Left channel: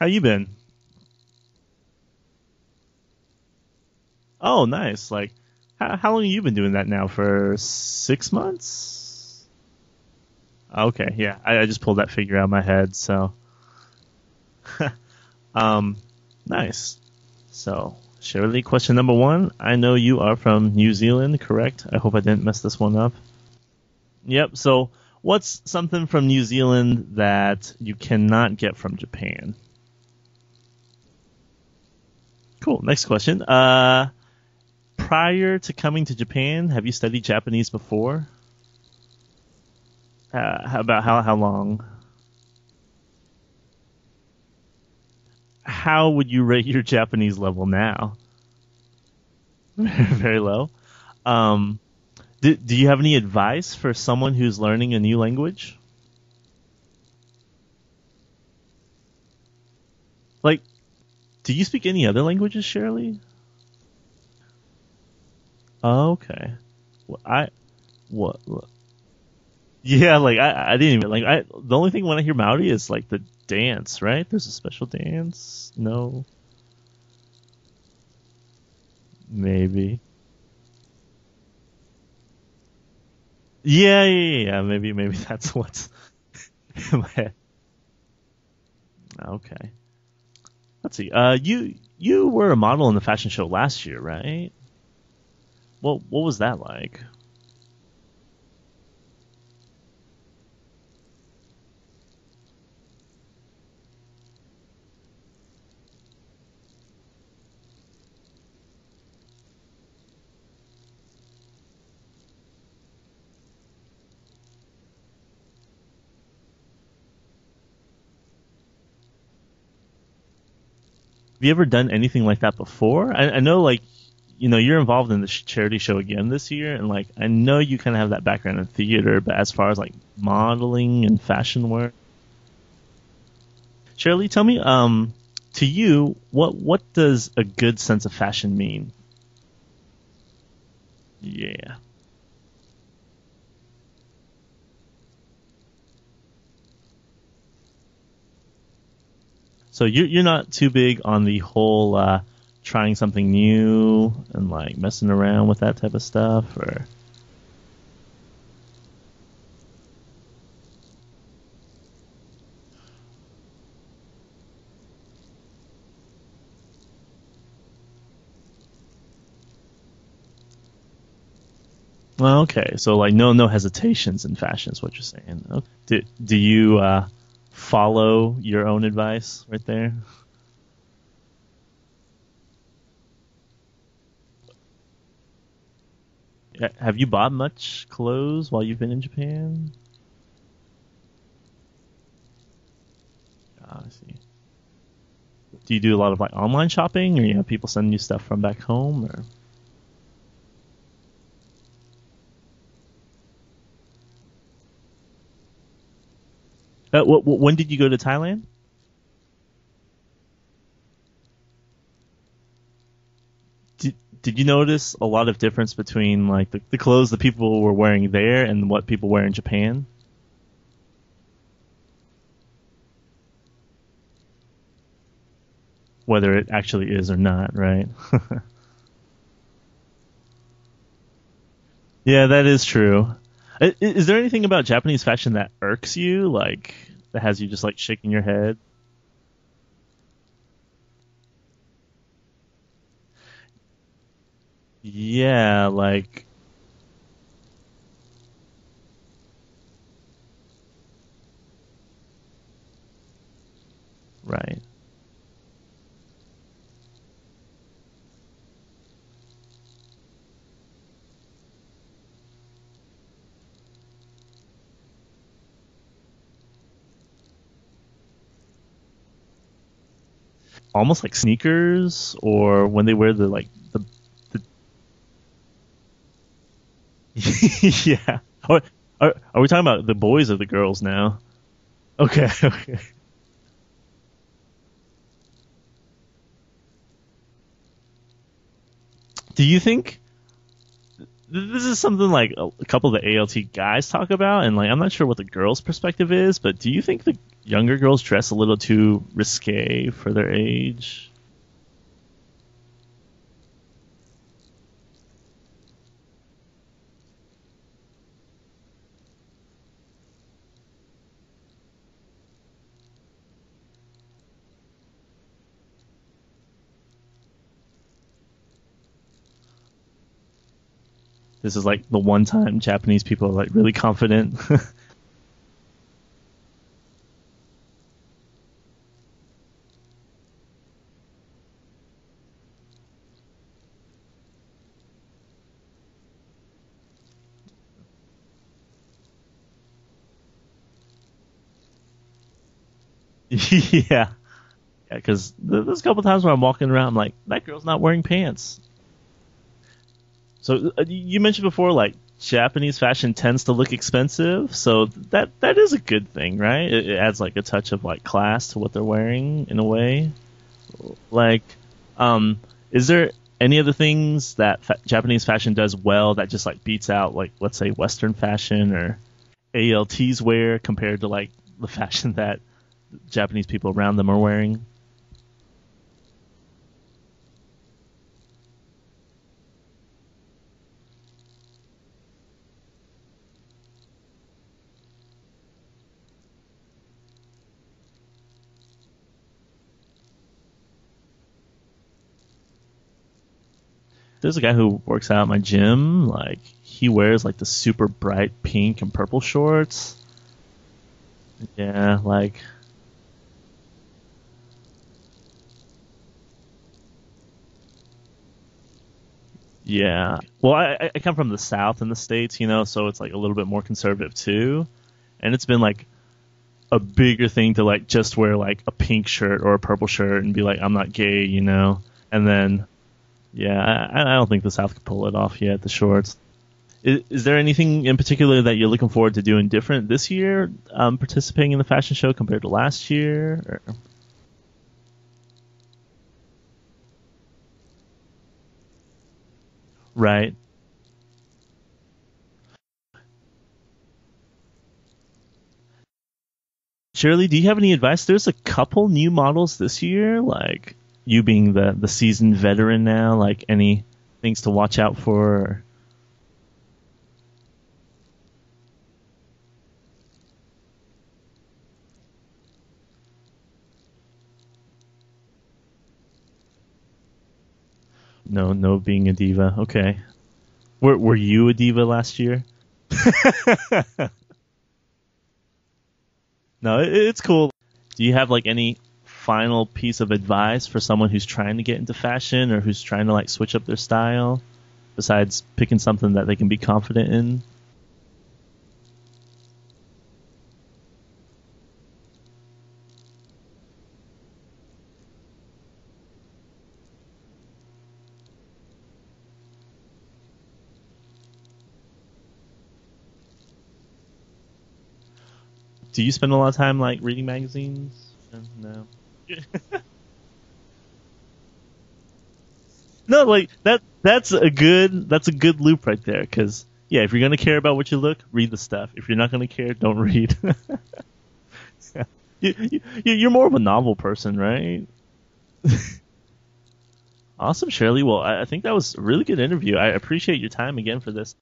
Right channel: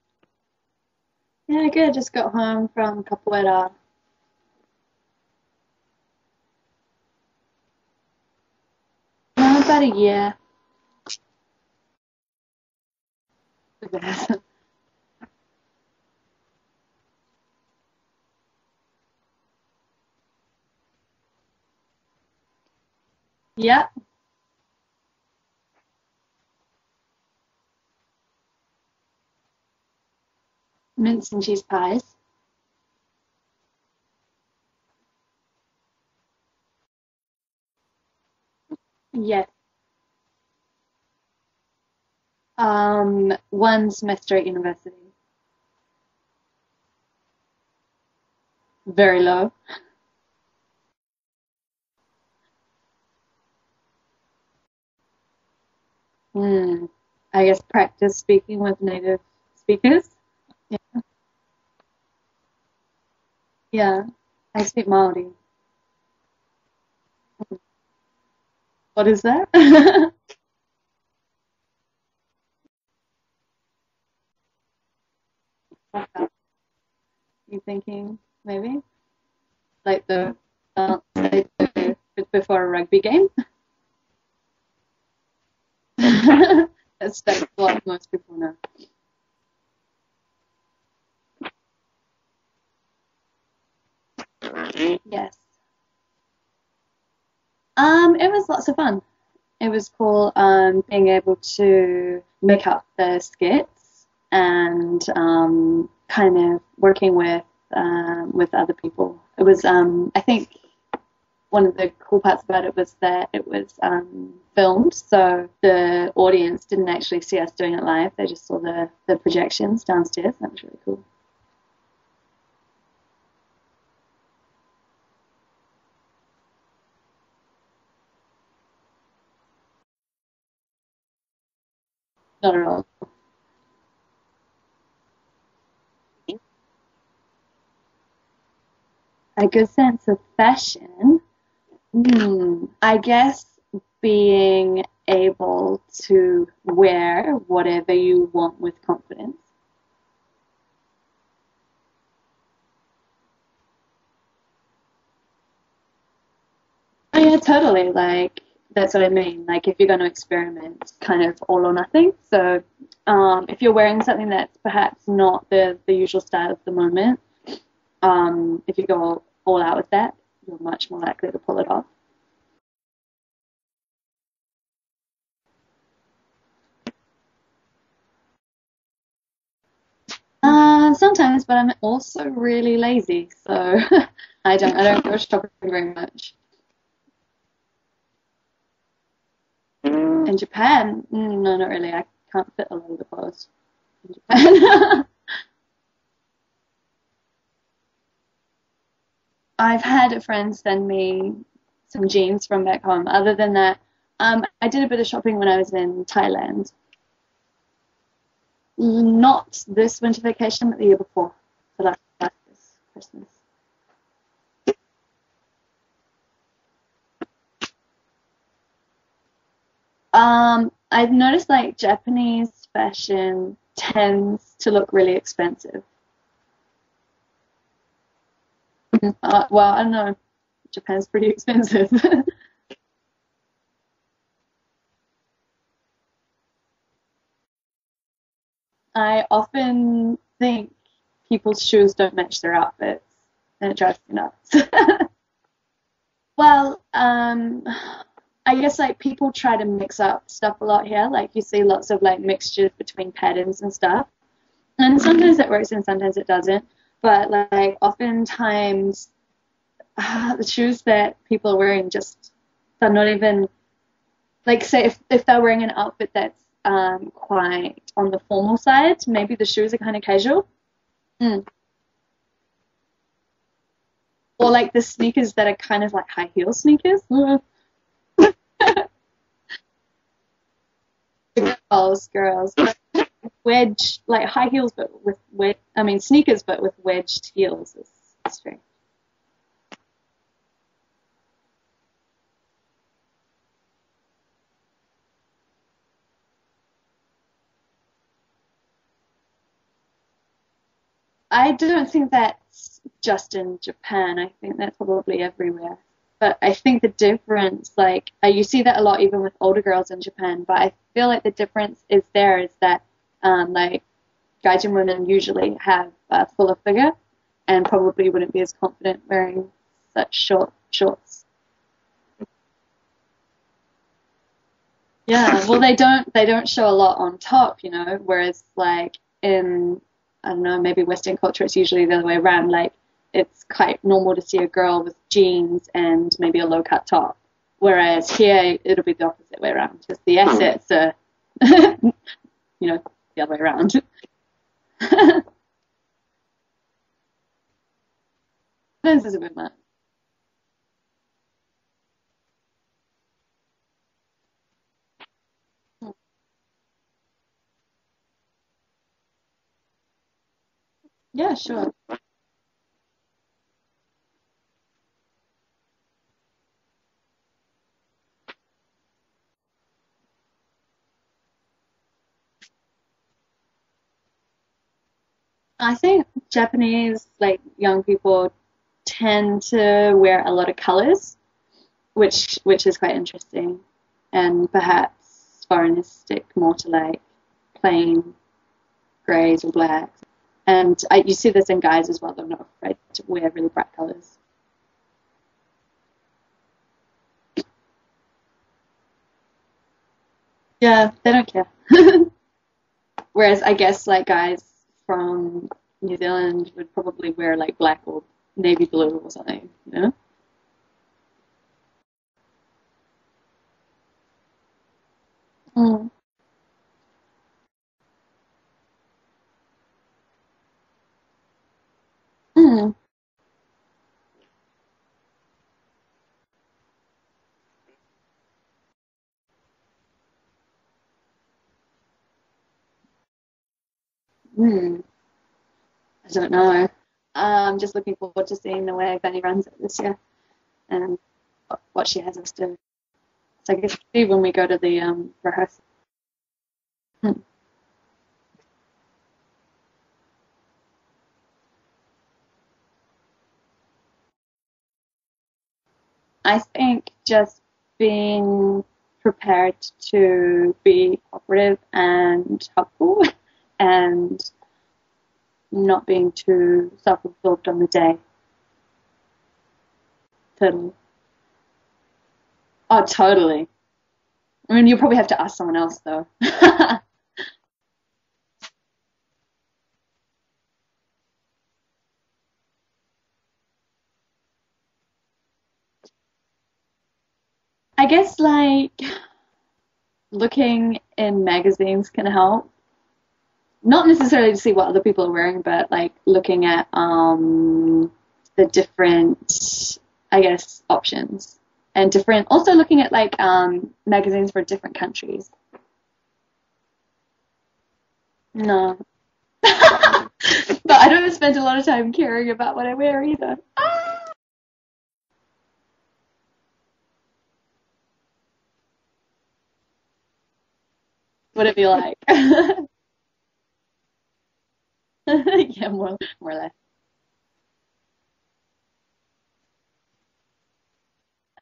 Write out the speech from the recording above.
How you been? Yeah, good. Just got home from capoeira. Oh, nice. Like, how long have you been doing that now? For 6 months? About a year. Okay, yeah. I just pulled that figure out of my head. So, um, nice. So, Shirley, question number one. I know you are from New Zealand, correct? I hope I didn't mess this one up. Yeah, Yep. So, what's something from New Zealand that you cannot get from Japan? mince and cheese pies. Cool. Next question. Prior to coming to Japan, have you studied Japanese before? Yes. How long? One semester at university. How would you rate your Japanese level now? Very low. Very low. Um, do you have any advice for someone who's learning a new language? Hmm. I guess practice speaking with native speakers. Like, Yeah. do you speak any other languages, Shirley? Yeah. I speak Maori. Oh, okay. Well, what? What is that? Yeah, like I didn't even like I. The only thing when I hear Maori is like the dance, right? There's a special dance. No, You thinking maybe maybe. like the they do before a rugby game? Yeah. Maybe that's what's. That's what most people know. Okay. Let's see. You were a model in the fashion show last year, right? Yes. What was that like? It was lots of fun. It was cool being able to make up the skits and kind of working with other people. It was I think one of the cool parts about it was that it was filmed, so the audience didn't actually see us doing it live. They just saw the projections downstairs. That was really cool. Have you ever done anything like that before? I know, like, you're involved in the charity show again this year, and like, I know you kind of have that background in theater, but as far as like modeling and fashion work, Not at all. Shirley, tell me, to you, what does a good sense of fashion mean? A good sense of fashion. Yeah. I guess being able to wear whatever you want with confidence. So you're not too big on the whole trying something new and like messing around with that type of stuff, or Oh yeah, totally. Like that's what I mean. Like if you're going to experiment, it's kind of all or nothing. So if you're wearing something that's perhaps not the usual style of the moment, if you go all out with that, you're much more likely to pull it off. well, okay. So like no hesitations in fashion is what you're saying. Okay. Do you follow your own advice right there? Sometimes, but I'm also really lazy, so I don't go shopping very much. Have you bought much clothes while you've been in Japan? In Japan, no, not really. I can't fit a lot of the clothes. I see. in Japan. Do you do a lot of like online shopping, or you have people sending you stuff from back home, or? I've had a friend send me some jeans from back home. Other than that, I did a bit of shopping when I was in Thailand. When did you go to Thailand? Not this winter vacation, but the year before, for like this Christmas. Did you notice a lot of difference between like the clothes that people were wearing there and what people wear in Japan? I've noticed like Japanese fashion tends to look really expensive. Whether it actually is or not, right? Well, I don't know. Japan's pretty expensive. Yeah, that is true. Is there anything about Japanese fashion that irks you, like that has you just like shaking your head? I often think people's shoes don't match their outfits, and it drives me nuts. Yeah, like Well, I guess like people try to mix up stuff a lot here. Like you see lots of like mixtures between patterns and stuff. right. And sometimes it works and sometimes it doesn't. But like oftentimes the shoes that people are wearing just they're not even like say if they're wearing an outfit that's quite on the formal side, maybe the shoes are kind of casual. Almost like Mm. sneakers, or when they wear the like the Or like the sneakers that are kind of like high heel sneakers. yeah. Are we talking about the boys or the girls now? Girls, Okay, girls. okay. Wedge, like high heels, but with I mean sneakers, but with wedged heels. It's strange. Do you think this is something like a couple of the ALT guys talk about, and like I'm not sure what the girls' perspective is, but do you think the younger girls dress a little too risque for their age? I don't think that's just in Japan. I think that's probably everywhere. But I think the difference, like, you see that a lot even with older girls in Japan, but I feel like the difference is that, like, gaijin women usually have a fuller figure and probably wouldn't be as confident wearing such short shorts. This is like the one time Japanese people are like really confident. Yeah, well, they don't show a lot on top, you know, whereas like in, I don't know, maybe Western culture, it's usually the other way around. Like, it's quite normal to see a girl with jeans and maybe a low-cut top. Whereas here, it'll be the opposite way around. Just the assets are, you know, the other way around. Yeah. Because there's a couple times where I'm walking around, I'm like, that girl's not wearing pants. This is a bit much. So you mentioned before, like, Japanese fashion tends to look expensive, so that is a good thing, right? It adds, like, a touch of, like, class to what they're wearing, in a way. Like, Yeah, sure. Is there any other things that Japanese fashion does well that just like beats out, like, let's say Western fashion or ALTs wear compared to like the fashion that Japanese people around them are wearing? I think Japanese, like, young people tend to wear a lot of colors, which is quite interesting, and perhaps foreigners stick more to like plain grays or blacks. And you see this in guys as well. They're not afraid to wear really bright colors. There's a guy who works out at my gym. Like, he wears like the super bright pink and purple shorts. Yeah, they don't care. Yeah, like. Whereas I guess like guys from New Zealand would probably wear like black or navy blue or something. Yeah. Well, I come from the South in the States, you know, so it's like a little bit more conservative too. And it's been like a bigger thing to like just wear like a pink shirt or a purple shirt and be like, I'm not gay, you know. And then, yeah, I don't think the South could pull it off yet. The shorts. Is there anything in particular that you're looking forward to doing different this year, participating in the fashion show compared to last year? I don't know. I'm just looking forward to seeing the way Benny runs it this year. Right. And what she has us do. So I guess when we go to the rehearsal. Shirley, do you have any advice? There's a couple new models this year, like you being the seasoned veteran now, like any things to watch out for? I think just being prepared to be cooperative and helpful and not being too self-absorbed on the day. No being a diva. Okay. Totally. Were you a diva last year? Oh, totally. I mean, you probably have to ask someone else, though. No, it's cool. Do you have like any final piece of advice for someone who's trying to get into fashion or who's trying to like switch up their style, besides picking something that they can be confident in? I guess like looking in magazines can help. Not necessarily to see what other people are wearing, but like looking at the different, I guess, options. And different, also looking at like magazines for different countries. Do you spend a lot of time like reading magazines? No. But I don't spend a lot of time caring about what I wear either. No, like that's a good loop right there. Because yeah, if you're gonna care about what you look, read the stuff. If you're not gonna care, don't read. What it be like? You're more of a novel person, right? Yeah, more or less. Awesome, Shirley. Well, I think that was a really good interview. I appreciate your time again for this.